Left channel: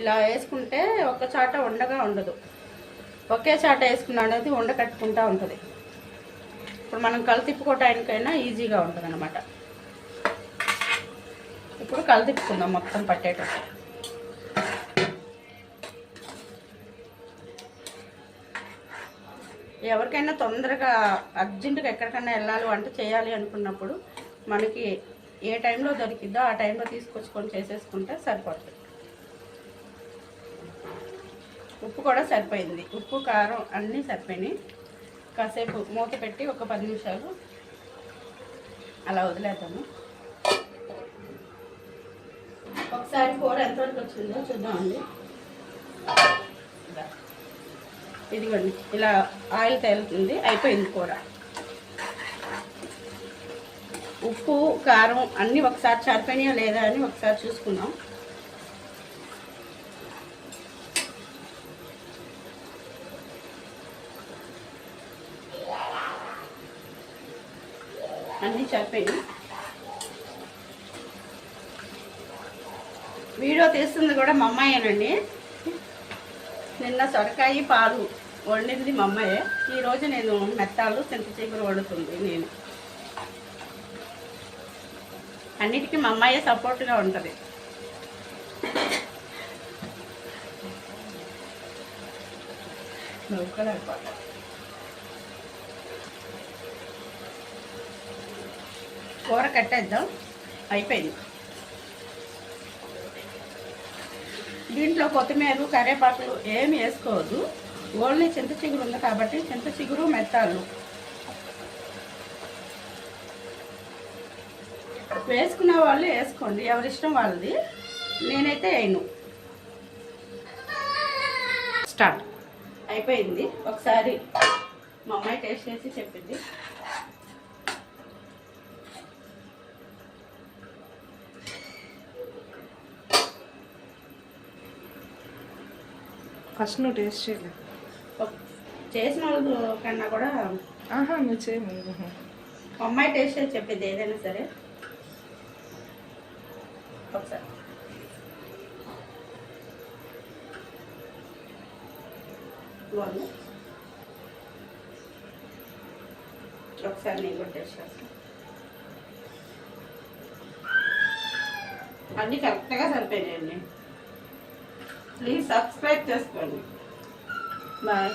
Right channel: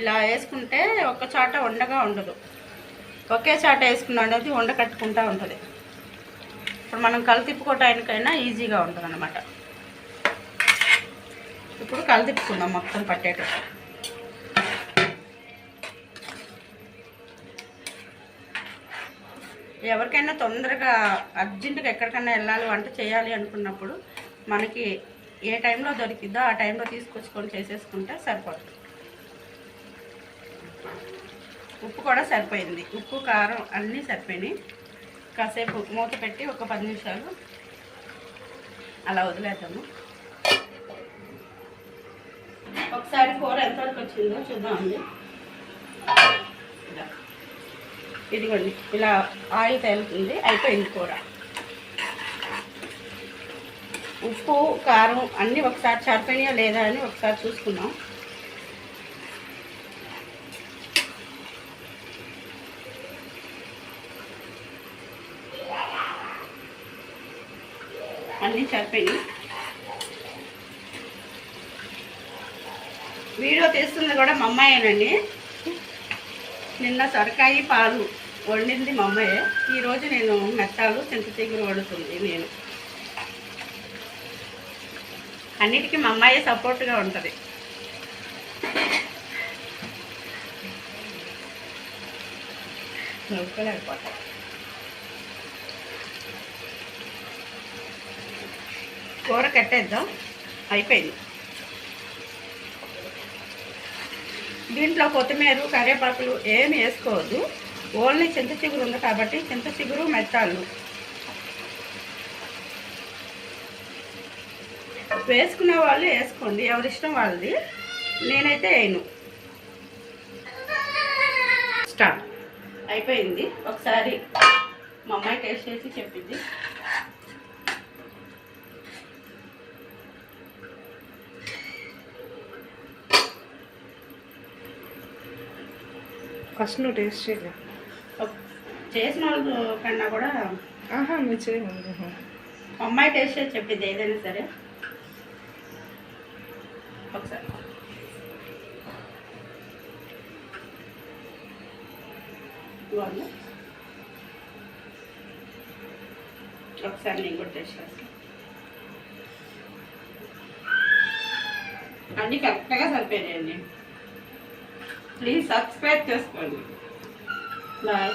ఇలా వేసుకుంటే ఒక్క చాట ఉండగా ఉండదు. ఒకే చాట వేసుకున్నా అనేది ఉండ కట్టుకుంటూ ఉంటుంది. ఇప్పుడు మనం కలితిప్పుకోవటానికైనా ఈజీగా ఉంటుంది అన్నమాట. ఇప్పుడు కలితిప్పుకుందాం మొత్తం పట్టేటట్టు. ఎవరికైనా తొందరగా అర్జెంటుగా ఎక్కడికైనా వెళ్ళాలి వంట చేయాలి అనుకున్నప్పుడు మనకి ఏ టైంలో దొరికిద్దో ఆ టైంలో తీసుకొచ్చుకొని చేసేసుకుంటే సరిపోతుంది. ఉప్పు కూడా సరిపోయింది. ఉప్పు కారం అన్నీ సరిపోయినాయి. కాసేపు మూత పెట్టి ఒక 10 నిమిషాలు అలా వదిలేద్దాము. ఒకసారి కూర ఎంతవరకు వచ్చిందో చూద్దామండి. ఇదిగోండి ఇలా ఆయిల్ తేలుతుంది. అయిపోయింది కూర. ఉప్పు కారం అన్నీ ఒకసారి సరిపోయినాయా లేదా అని ఒకసారి చూసుకుందాం. అన్నీ సరిపోయినాయి. వీడియో తీస్తుంది కూడా మా అమ్మాయేనండి. నిన్న సొరకాయ పాలు వండింది మా అమ్మాయే. ఈరోజు నేను మెత్తాలు చింతచిగురు వండుతుంది నేను. అన్నిటికీ మా అమ్మాయి సపోర్ట్గా ఉంటుంది. నవ్వుకోలేకపోతా. కూర కట్టేద్దాం. అయిపోయింది. దీంట్లో కొత్తిమీర కరివేపాకులు ఏమి వేసుకోవద్దు. ఓన్లీ చింత చిగురు ఉంది కాబట్టి చింత చిగురు మెత్తాలు వేసుకునే వాళ్ళు వేసుకోండి, ఎవరిష్టం వాళ్ళది. నేనైతే వేయను. స్టార్ట్. అయిపోయింది. ఒకసారి మా అమ్మాయి టేస్ట్ చేసి చెప్పింది. ఫస్ట్ నువ్వు టేస్ట్ చేయలే. చేసిన వాళ్ళు కన్నా కూడా నువ్వు చేయము. అమ్మాయి టేస్ట్ చేసి చెప్పింది ఏదైనా సరే. ఒకసారి ఒకసారి నేను కూడా టేస్ట్ చేస్తాను. అన్నీ కరెక్ట్గా సరిపోయాయండి. ప్లీజ్ సబ్స్క్రైబ్ చేసుకోండి. బాయ్.